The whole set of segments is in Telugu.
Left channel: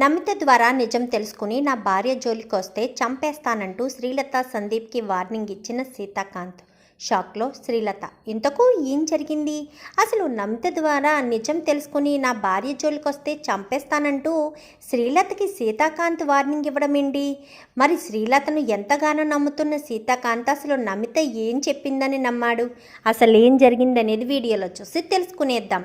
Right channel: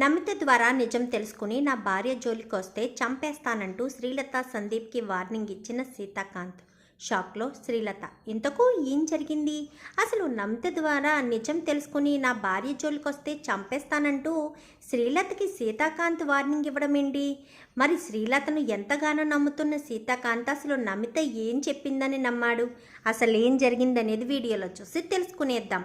నమిత ద్వారా నిజం తెలుసుకుని నా భార్య జోలికి వస్తే చంపేస్తానంటూ శ్రీలత సందీప్కి వార్నింగ్ ఇచ్చిన సీతాకాంత్. షాక్లో శ్రీలత ఇంతకు ఏం జరిగింది? అసలు నమిత ద్వారా నిజం తెలుసుకుని నా భార్య జోలికి వస్తే చంపేస్తానంటూ శ్రీలతకి సీతాకాంత్ వార్నింగ్ ఇవ్వడం ఏంటి? మరి శ్రీలతను ఎంతగానో నమ్ముతున్న సీతాకాంత్ అసలు నమిత ఏం చెప్పిందని నమ్మాడు? అసలు ఏం జరిగిందనేది వీడియోలో చూసి తెలుసుకునేద్దాం.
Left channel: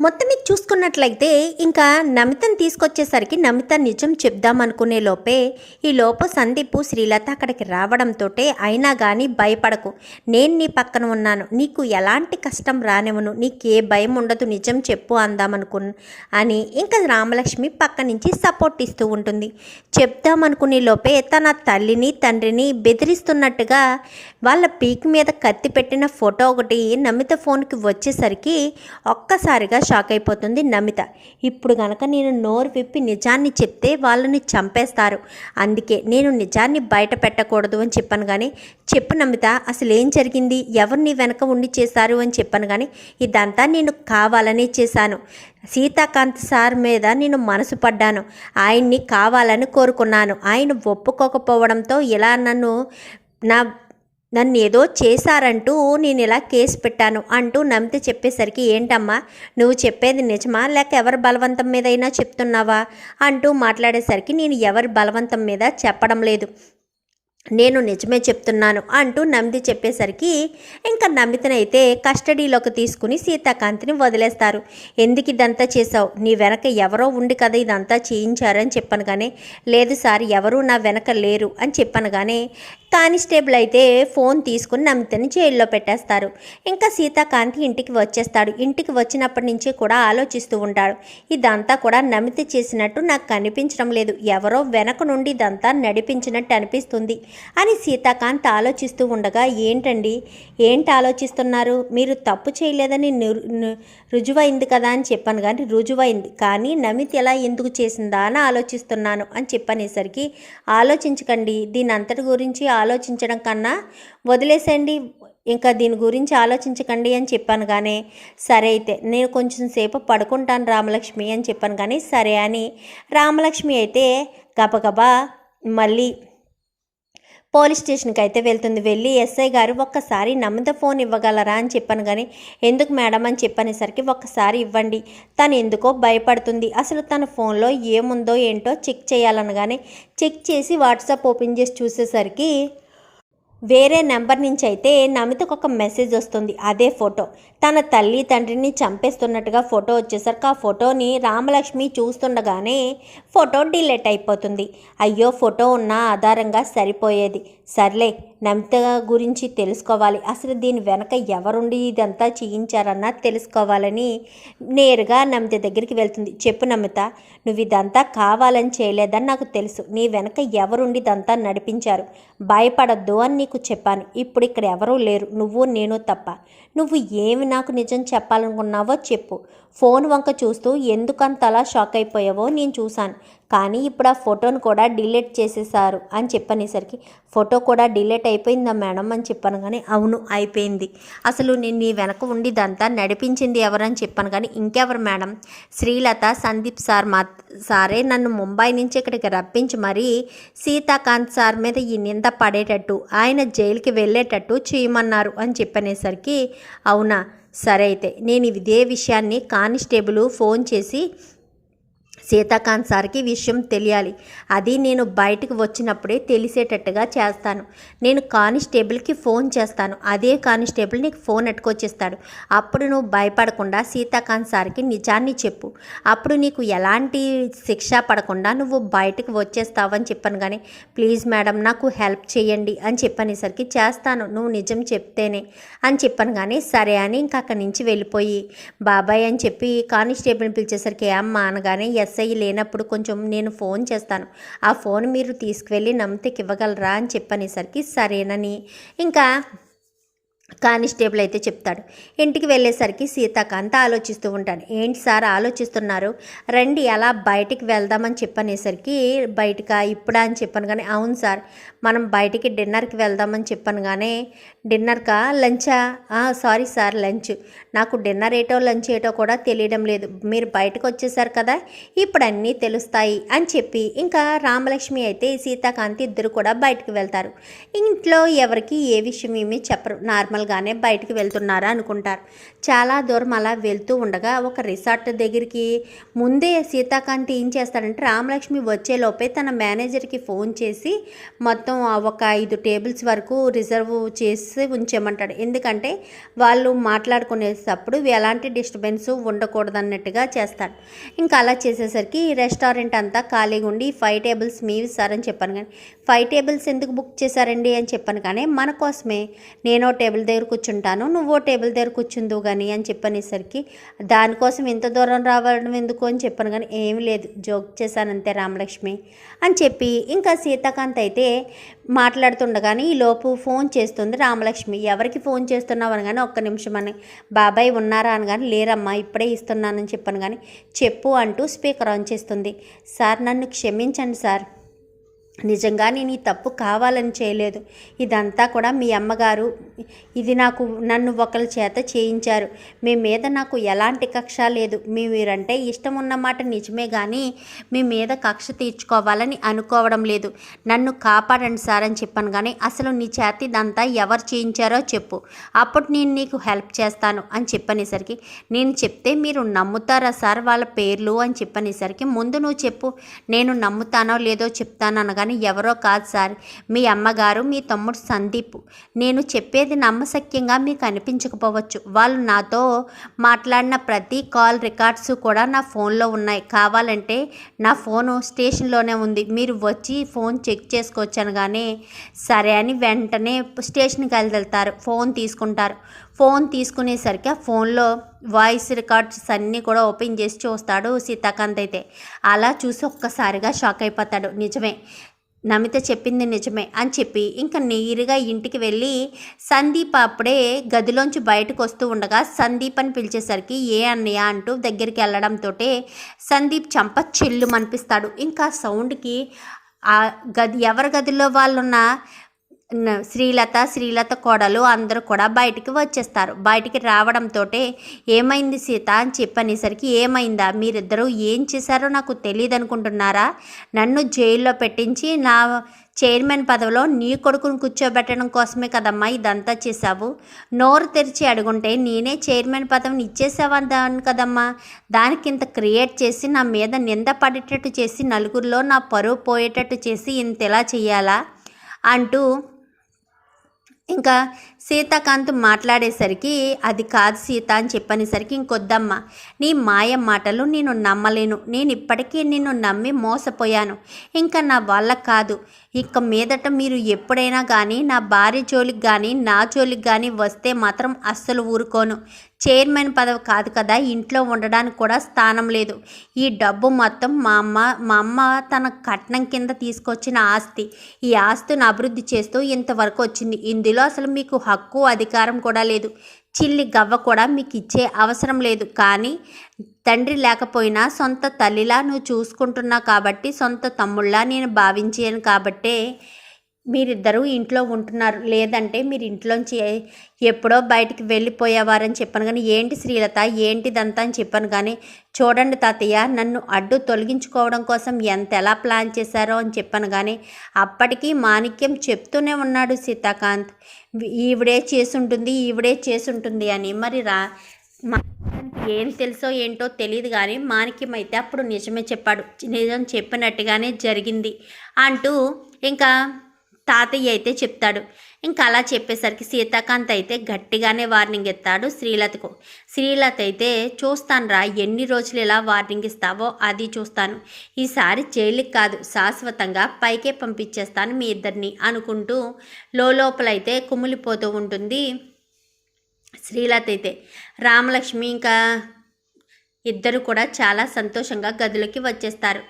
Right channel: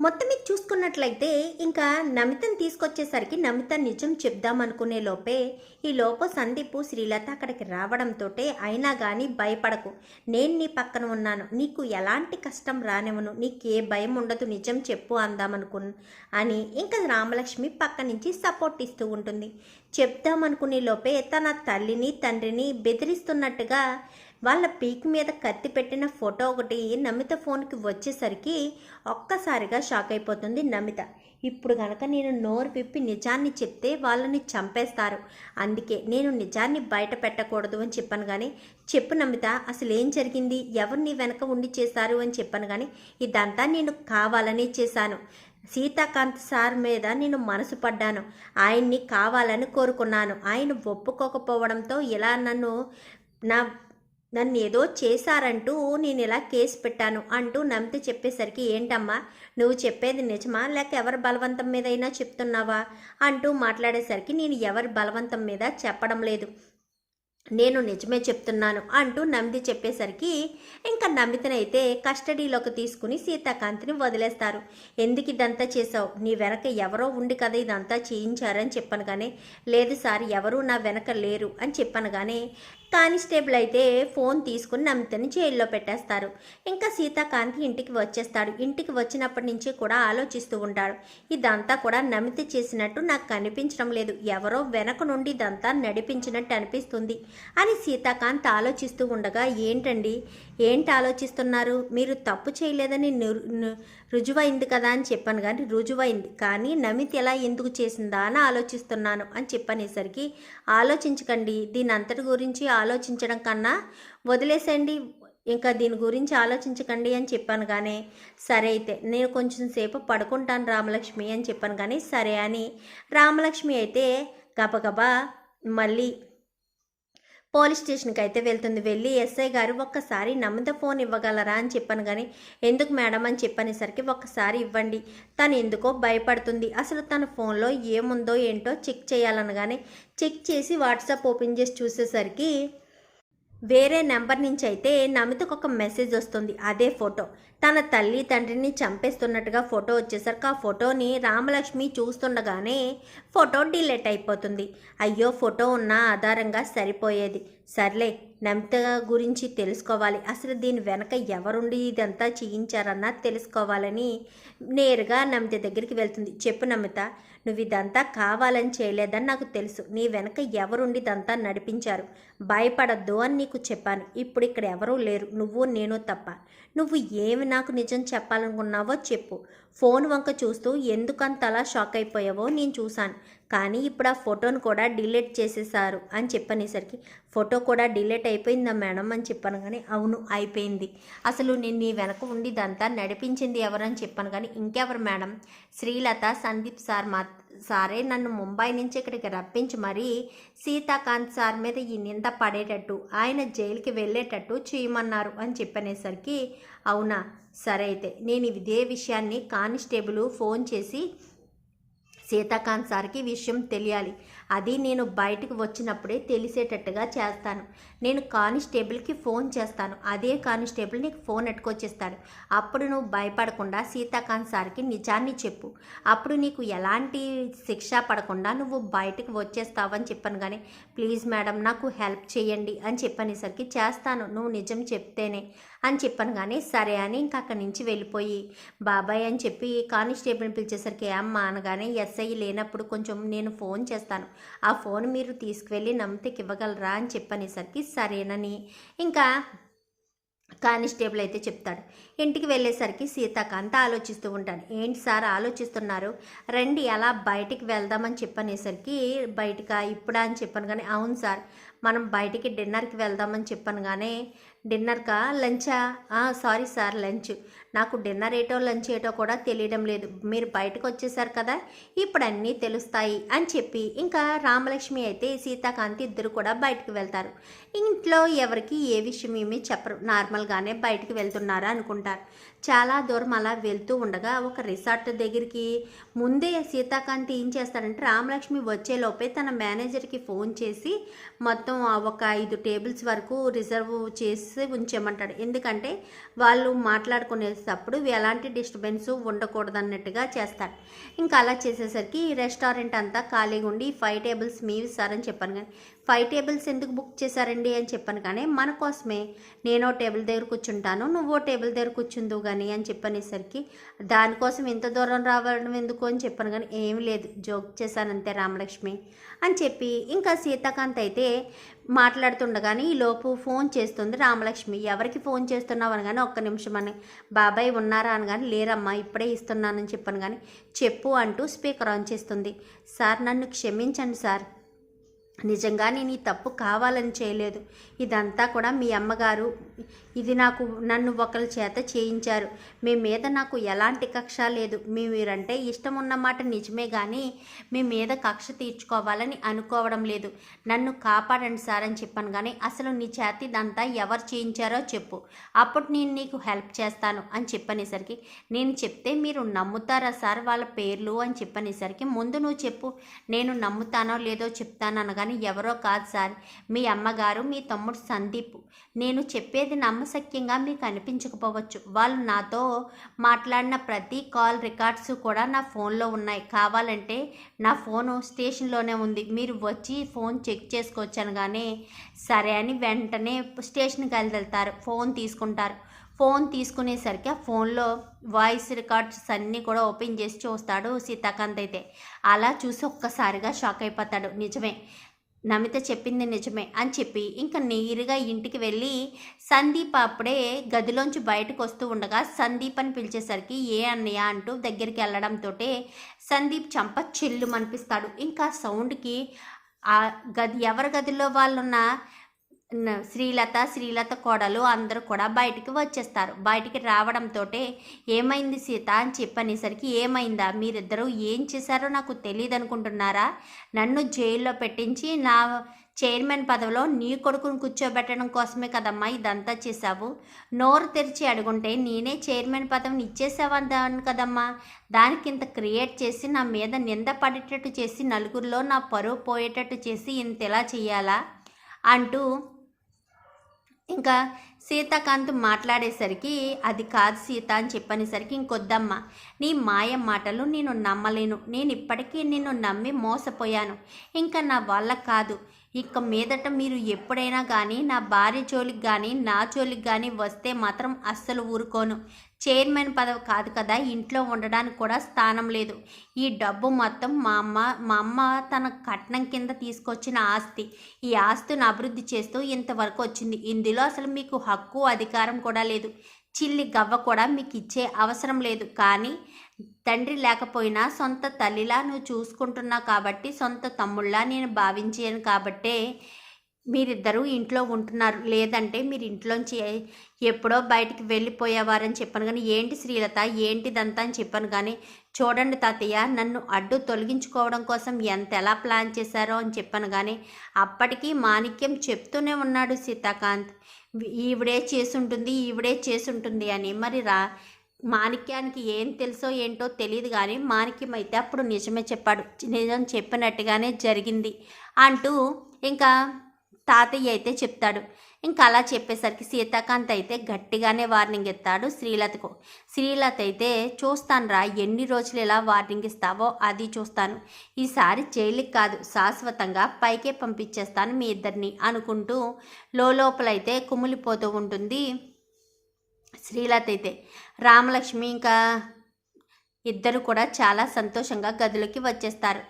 మొత్తం ఇది చూసుకున్నట్లయితే ఇంకా నమితను తీసుకొచ్చేసరికి నమిత నిజం చెప్దామనుకునే లోపే ఈ లోపు సందీపు శ్రీలత అక్కడికి రావడంతో అయినా కానీ భయపడకు. నేను నీ పక్కన ఉన్నాను. నీకు ఎలాంటి కష్టం రానివ్వను. నీకు ఏ భయం ఉండదు. నిజం చెప్పు అందామనుకు అని ఇంకా రామలక్ష్మి పక్క నుంచి సపోర్ట్ ఇస్తూ ఉంటుంది. చెప్దామనుకునే లోపే తన తల్లిని తండ్రిని బెదిరిస్తున్నట్టుగా వాళ్ళ పీక్ మీద కత్తి పెట్టిన ఫోటో ఒకటి నమిత ఫోన్కి వచ్చేసరికి ఒక్కసారిగా షాక్ అయిపోతుంది నమిత. ఇప్పుడు గనక నేను నోరు విప్పి నిజాన్ని చెప్తే వాళ్ళని చంపేస్తారు. అందుకే నేను నిజాన్ని బయట పెట్టకూడదు అని చెప్పాను కానీ చెప్పు నమిత అసలు ఏం జరిగింది? ఎవరిని వెనక ఉండి చేశారు అని చెప్పాను కానీ ఇదంతా నేను కావాలనే చేశాను. సీతాకాంత్ సార్ మీద నేను మనసు పడ్డాను. ఆయన్ని కావాలని కోరుకున్నాను. ఆయన ఒప్పుకోకపోవడంతో ఇలా నన్ను నా నన్ను ఏదో చేశారంటూ నేను ఇలా కేసు పెట్టాను అంటూ నమ్మితే చెప్పేసరికి ఏంటమ్మా నువ్వు చెప్పేది నిజమా? లేక ఎవరి బలవంతం మీదైనా చెప్తున్నావా? అంటూ మాట్లాడేసరికి నేను ఎవరి బలవంతం మీద చెప్పడం లేదు. నేను నిజమే చెప్తున్నాను అంటూ నమ్మిది చెప్పేసరికి ఇంకా నమ్మితనైతే కస్టడీలోకి తీసుకుని సీతాకాంతిని వదిలేస్తారు. ఎందుకు ఇదంతా చేశావు? నీ వెనక ఎవరో ఉండి కదా ఇదంతా చేయించారని చెప్పాను కానీ లేదు సార్ ఎవరూ నా వెనక లేరు అని చెప్పాను కానీ కానిస్టేబుల్ అయితే ఫోన్ తీసుకుని నమితని జైల్లో పెట్టేస్తారు. ఇంకా సీతాకాంతి ఇంటికి వచ్చేస్తాడు. ఇంటికి వచ్చినప్పటి నుంచి కూడా ఆలోచిస్తూ ఉంటాడు. ఇదంతా కూడా నమిత చేసినట్టు నాకు కనిపించడం లేదు. ఎవరో వెనక నుండి ఇదంతా నడిపించినట్టు అనిపిస్తుంది. అని సీతాకాంత్ ఆలోచిస్తూ ఉండగా ఏంటండి? ఏంటి ఆలోచిస్తున్నారు? మీరు తప్పు చేయలేదని రుజువైంది కదా అని చెప్పాను కానీ రుజువైంది. కానీ నమిత్ ఎలా ఎందుకు చేసిందా అని ఆలోచిస్తున్నాను అని చెప్పనేసరికి ఆలోచించకండి. దీని అంతటి గురించి ఆలోచించడం కన్నా వదిలేసేయండి. ఇంకా దీని గురించి ఆలోచించకండి అని చెప్పాను కానీ సరే అయితే నేను కొంచెం సేపు పడుకుంటాను రామలక్ష్మి అని చెప్పాను కానీ సరే అని రామలక్ష్మి అయితే గబగబా మళ్ళీ పోలీస్ స్టేషన్కి అయితే వెళ్తుంది. వెళ్ళి ఎస్ఐ గారు ఒక్కసారి నమ్మద ఫోన్ ఇవ్వగలరా అని చెప్పాను కానీ ఎందుకు మేడం? అని చెప్పనేసరికి ఒక్కసారి ఇవ్వండి. తను ఎందుకో భయపడుతుంది. అసలు తన ఫోన్లో ఏముందో ఏంటో చెక్ చేయాలనగానే చెక్ చేసి వాట్సాప్ ఓపెన్ చేసి చూసేసరికి వేరే నెంబర్ నుంచి అయితే నమితకు ఒక మెసేజ్ వస్తుంది. అదే ఫోటో. తన తల్లి తండ్రిని చంపేస్తున్నట్టుగా ఫోటో వచ్చేసరికి ఆ ఫోటోని రామలక్ష్మి చూస్తుండగానే ఫోటో డిలీట్ అయిపోతుంది. అయ్యో ఫోటో ఉన్న ఆధారంగా సరిపోయేది. సర్లే నమిత గురించి తెలుసుకోవాలి. అసలు దీని వెనక ఎవరుండి ఇదంతా చేయించారన్నా తెలుసుకోవాలని నేరుగా నమిత దగ్గరికి వెళ్తుంది. చెప్పు నమిత నువ్వు ఇదంతా కావాలని చేయలేదని నాకు తెలుసు. నీ వెనక ఎవరుండి ఇదంతా నడిపించారు? భయపడద్దు అని నీకు చెప్పాను. ఇప్పుడు ఇక్కడ ఎవరూ లేరు. నువ్వు నేను తప్ప. నువ్వు ఏమి నాకు నిజం చెప్పాలనుకున్నావో చెప్పు. ఫోన్ వంక చూస్తూ ఎందుకంతలా షాక్ అయిపోయావో నేను చూశాను. కానీ ఇప్పుడు ఆ ఫోటోను కూడా డిలీట్ చేసేసారు అని చెప్పనేసరికి ఫోటో కూడా డిలీట్ అయిపోయిందా మేడం? అని చెప్పాను కానీ అవును అయిపోయింది. అసలు నేను నీ వెనక ఉండి ఇదంతా నడిపించింది ఎవరని చెప్పాను కానీ ఇంకెవరు మేడం? శ్రీలత సందీప్ సార్ మా సారే నన్ను ముంబై నుంచి ఇక్కడికి రప్పించి మరీ సీతాకాంత్ సార్ మీద ఈ నింద పడేటట్టు ఆయన జైలుకి వెళ్ళేటట్టు చేయమన్నారు. అని చెప్పనేసరికి అవునా? సరే అయితే నేను ఇదే విషయాన్ని కానిస్టేబుల్ ఫోన్ చేసి సీతాకాంత్ సార్కి విషయం తెలియాలి. అది నేను బయటకు వచ్చినప్పుడే తెలిసేటట్టుగా చేస్తాను. నేను కానిస్టేబుల్కి ఫోన్ చేస్తాను. అదే కానిస్టేబుల్ నీకు ఫోన్ ఎట్టుకొచ్చేస్తాడు. అప్పుడు నువ్వు భయపడకుండా సీతాకాంత్ సార్కి నిజాన్ని చెప్పు. అప్పుడు నీకు ఎలాంటి శిక్ష పడకుండా నువ్వు బయటకు వచ్చేస్తావని చెప్పాను కానీ ప్లీజ్ మేడం నాకు హెల్ప్ చేయండి అని చెప్పనేసరికి చేస్తాను నువ్వు నిజం చెప్తేనే అని చెప్పాను కానీ సరే అని ఇంక అక్కడి నుంచి వెళ్ళిపోయి బాబాయ్ అని చెప్పి కానిస్టేబుల్ని పిలిచేసరికి అమ్మ అనగానే ఎస్ఐ లేనప్పుడు కొంచెం నేను ఫోన్ చేస్తాను. ఆ ఫోన్ మీరు తీసుకువెళ్ళి నమ్మితకి ఇవ్వగలరా అని చెప్పనేసరికి సరేనని ఇంకా కానిస్టేబుల్ అయితే చెప్తాడు. ఇంటికి వెళ్ళేసరికి సీతాకాంత ఆలోచిస్తూ ఉంటాను. ఏంటి సార్ ఆలోచిస్తున్నారు? రండి అలా బయటికి వెళ్దామని చెప్పనేసరికి బయటక ఇప్పుడా అని చెప్పాను కానీ అవును సార్ మనం బయటికి డిన్నర్కి వెళ్దామని చెప్పాను కానీ డిన్నర్కా? లంచా? Sorry sir lunch. నాకు డిన్నర్ ఏటో లంచ్ ఏటో కూడా తెలియడం లేదు. మీరు బయటకు వచ్చేసారు కదా? ఇప్పుడు అన్నీ తెలుస్తాయి అని చెప్పి ఇంకా రామలక్ష్మి అయితే సీతాకాంత్ ఇద్దరు కూడా బయటకు వెళ్తారు. ఇంట్లో ఎవరికి ఏ విషయం ఏమీ చెప్పరు. నార్మల్గానే బయటకు వెళ్తున్నారా అనుకుంటారు. చాలా దూరం అలా వెళ్తూ ఉండగా ఒక రిసార్ట్ దగ్గరికి ముందే సీతాకాంత్ ఏం చేస్తాడంటే రామలక్ష్మి వచ్చేలోపే తన మేనేజర్కి ఫోన్ చేసి మొత్తం ఒక ఐదు టేబుల్స్ వరకు రిజర్వ్ చేసి ఉంచేయమంటాడు ఎందుకంటే వాళ్ళు మాట్లాడుకునేటప్పుడు ఎలాంటి డిస్టర్బెన్స్ ఉండకూడదన్నట్టుగా చేస్తాడు. ఇంకా అలా చేసేసరికి రెస్టారెంట్ అంతా ఖాళీగా ఉండి ఫైవ్ టేబుల్స్ మీవి సార్ అని చెప్పాను కానీ ఫైవ్ టేబుల్స్ ఎందుకు బుక్ చేశారండి అని చెప్పాను కానీ మన కోసమే. నేనో టేబుల్ దగ్గర కూర్చుంటాను నువ్వో టేబుల్ దగ్గర కూర్చుందు కానీ అని చెప్పనేసరికి దానికోసం ఇంత దూరం రావడం ఎందుకు అని చెప్పాను కానీ ఏం లేదు. జోక్ చేశాను అంతే రామలక్ష్మి. అని చెప్పి ఇంకా సీతాకాంత్ అయితే మాట్లాడుతుండగానే ఈలోపు ఫోన్ చేస్తుంది రామలక్ష్మి. ఎవరికి ఫోన్ చేస్తున్నావు అని కానీ ఒక్క నిమిషం అని. బాబాయ్ ఉన్నారా అని కానీ లేరమ్మా ఇప్పుడే ఇస్తున్నానని చెప్పాను కానీ చెప్పు అంటూ స్పీకర్ ఆన్ చేస్తుంది. సార్ నన్ను క్షమించండి సార్. నిజంగా నేను ఈ తప్పు కావాలని చేయలేదు. ఇదంతా కూడా మీ అమ్మగారు. ఇది నాకు నన్ను ఒకరి చేత చేయించారు. మీ మీద నాకు ఎలాంటి కక్ష లేదు. మీ మీరంటే ఇష్టం ఉన్నమాట నిజమే కానీ మీ మీద కక్ష తీర్చుకోవాలని అనుకోవడం లేదు. నన్ను కాపాడండి సార్ అని చెప్పాను కానీ అసలు నీ చేత ఇదంతా ఎవరు చేయించారో చెప్పు. అప్పుడు నేను నీకు హెల్ప్ చేస్తాను అని చెప్పనేసరికి నేను చెప్తే మీరు నమ్ముతారా సార్ వాళ్ళ పేర్లు అని చెప్పనేసరికి ముందు నువ్వు చెప్పు. నేను నమ్ముతానో లేదో చెప్తాను అనగానే ఎవరో కాదు సార్. మీ అమ్మగారు మీ తమ్ముడు సందీప్. నేను చెప్పేది నమ్మశక్యంగా మీకు అనిపించకపోవచ్చు. వాళ్ళు నాతో మాట్లాడిన ప్రతి కాల్ రికార్డ్స్ కూడా నా ఫోన్లో ఉన్నాయి. కావాలంటే నా ఫోను స్టేషన్లోనే ఉంది. మీరు వచ్చి ఫోన్ చెక్ చేసుకోవచ్చు కానీ సరే అని వెంటనే స్టేషన్కి వెళ్తారు. ఫోన్ తీసుకుంటారు. ఫోన్ తీసుకునేసరికి ఆ ఫోన్లో వాయిస్ రికార్డ్స్ అన్నీ కూడా ఓపెన్ చేసి చూస్తాడు సీతాకాంత్ అయితే. అలా చూసి ఒక్కసారిగా షాక్ అయిపోతాడు. నిజమే. నమిత చెప్పింది నిజమే అని చెప్పి ఇంకా నీరుగా ఇంటికి వెళ్ళి సందీప్ అప్పుడే గదిలోంచి బయటకు వస్తూ ఉండగా సందీప్ అని పిలిచేసరికి ఏ అన్నయ్య? అంటూ దగ్గరికి వెళ్ళడంతో సందీప్ చంప చెల్లు అనిపిస్తాడు ఇంకా సౌండ్కి ఆ గది ఎవరి గదిలో వాళ్ళున్న శ్రీలత శ్రీలత కోడలు అందరూ కూడా బయటికి వచ్చేస్తారు. బయటికి రావడంతో ఏమైంది సీత అని చెప్పనేసరికి ఏమైందా? మీరిద్దరూ ఏం చేశారో నాకు తెలియదు అనుకుంటున్నారా నన్ను జైల్లో పెట్టించి నా చైర్మన్ పదవిలో నీ కొడుకుని కూర్చోబెట్టడం కోసమే కదమ్మా ఇదంతా చేశావు. నోరు తెరిచి అడుగుంటే నేనే చైర్మన్ పదవిని ఇచ్చేసావని కదమ్మా. దానికి ఇంత క్రియేట్ చేసి నా మీద నింద పడేటట్టు చేసి నలుగురిలో నా పరువు పోయేటట్టు చేసి ఇంత ఎలా చేయాలా అంటూ ఇంకా సీతాకాంత్ మాట్లాడేసరికి అది కాదు సీత అని చెప్పనేసరికి ఇంకొద్దమ్మ నీ మాయ మాటలు నేను నమ్మలేను. నేను ఇప్పటికీ నిన్ను నమ్మి మోసపోయాను. ఇంకా నా వల్ల కాదు. ఇక మీదట మీరు ఎప్పుడైనా కానీ నా భార్య జోలికి కానీ నా జోలికి కానీ వస్తే మాత్రం అస్సలు ఊరుకోను. చైర్మన్ పదవి కాదు కదా ఇంట్లో ఉండడానికి కూడా స్థానం లేదు. ఈ డబ్బు మొత్తం మా అమ్మ మా అమ్మ తన కట్నం కింద తీసుకొచ్చిన ఆస్తి. ఈ ఆస్తిని అభివృద్ధి చేస్తూ ఇంతవరకు వచ్చింది. ఇందులో అసలు మీకు హక్కు అధికారం కూడా లేదు. చిల్లి గవ్వ కూడా మీకు ఇచ్చే అవసరం లేదు. కానీ తండ్రి లేకపోయినా సొంత తల్లిలా నువ్వు చూసుకుంటున్నావు కాబట్టి సొంత తమ్ముళ్ళ నేను భావించాను కాబట్టే మీరిద్దరూ ఇంట్లో ఉంటున్నారు. లేదంటే మీరు ఇంట్లోంచి ఎప్పుడో బయటికి వెళ్ళిపోయేవారని చెప్పాను కానీ ఏంటి శ్రీలత? ఏంటిదంతా అని చెప్పాను కానీ చూడండి తాతయ్య నన్ను అడ్డు తొలగించుకోవడం కోసం ఎంత ఎలా ప్లాన్ చేశారో అని చెప్పాను కానీ అప్పటికీ మాణిక్యం చెప్తూనే ఉన్నాడు సీతాకాంత్. ఈవిడే చేసుంటుంది ఈవిడే చేసుంటుంది అని. మరి రా మాణిక్యానికి ఏం తెలుసో ఏంటో తెలియదు కానీ మాణిక్యం అయితే అప్పుడు నిజమే చెప్పాడు. నిజం చెప్పినట్టుగానే జరిగింది అంటూ ఇంకా తాతయ్య అయితే చెప్తాడు. ఇంకా అలా చెప్పేసరికి సీతాకాంత్ అయితే గట్టిగానే వార్నింగ్ ఇస్తాడు శ్రీలతకు. శ్రీలత అయితే చూస్తానురా ఎన్ని రోజులు ఇలా వార్నింగ్ ఇస్తావో అది చూస్తాను. ఈసారి జైలుకి కాదు శాశ్వతంగా పైకే పంపించేస్తాను మీ ఇద్దరిని అనుకుంటూ లోపలైతే కుమిలిపోతూ ఉంటుంది శ్రీలత అయితే. రామలక్ష్మి ఇంకా ఇద్దరు కూడా చాలా సంతోషంగా గదిలోకి వచ్చేస్తారు.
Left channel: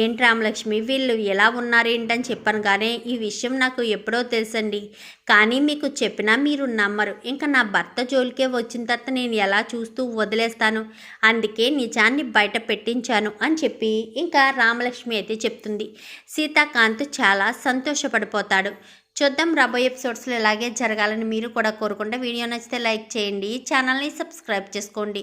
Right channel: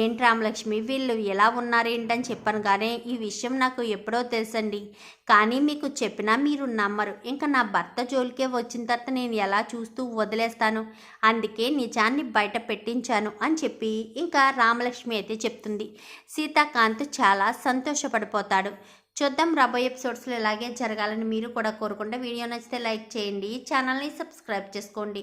ఏంటి రామలక్ష్మి వీళ్ళు ఎలా ఉన్నారేంటని చెప్పాను కానీ ఈ విషయం నాకు ఎప్పుడో తెలుసండి. కానీ మీకు చెప్పినా మీరు నమ్మరు. ఇంకా నా భర్త జోలికే వచ్చిన తర్వాత నేను ఎలా చూస్తూ వదిలేస్తాను? అందుకే నిజాన్ని బయట పెట్టించాను అని చెప్పి ఇంకా రామలక్ష్మి అయితే చెప్తుంది. సీతాకాంత్ చాలా సంతోషపడిపోతాడు. చూద్దాం రాబోయే ఎపిసోడ్స్లో ఇలాగే జరగాలని మీరు కూడా కోరుకుంటే వీడియో నచ్చితే లైక్ చేయండి ఛానల్ని సబ్స్క్రైబ్ చేసుకోండి.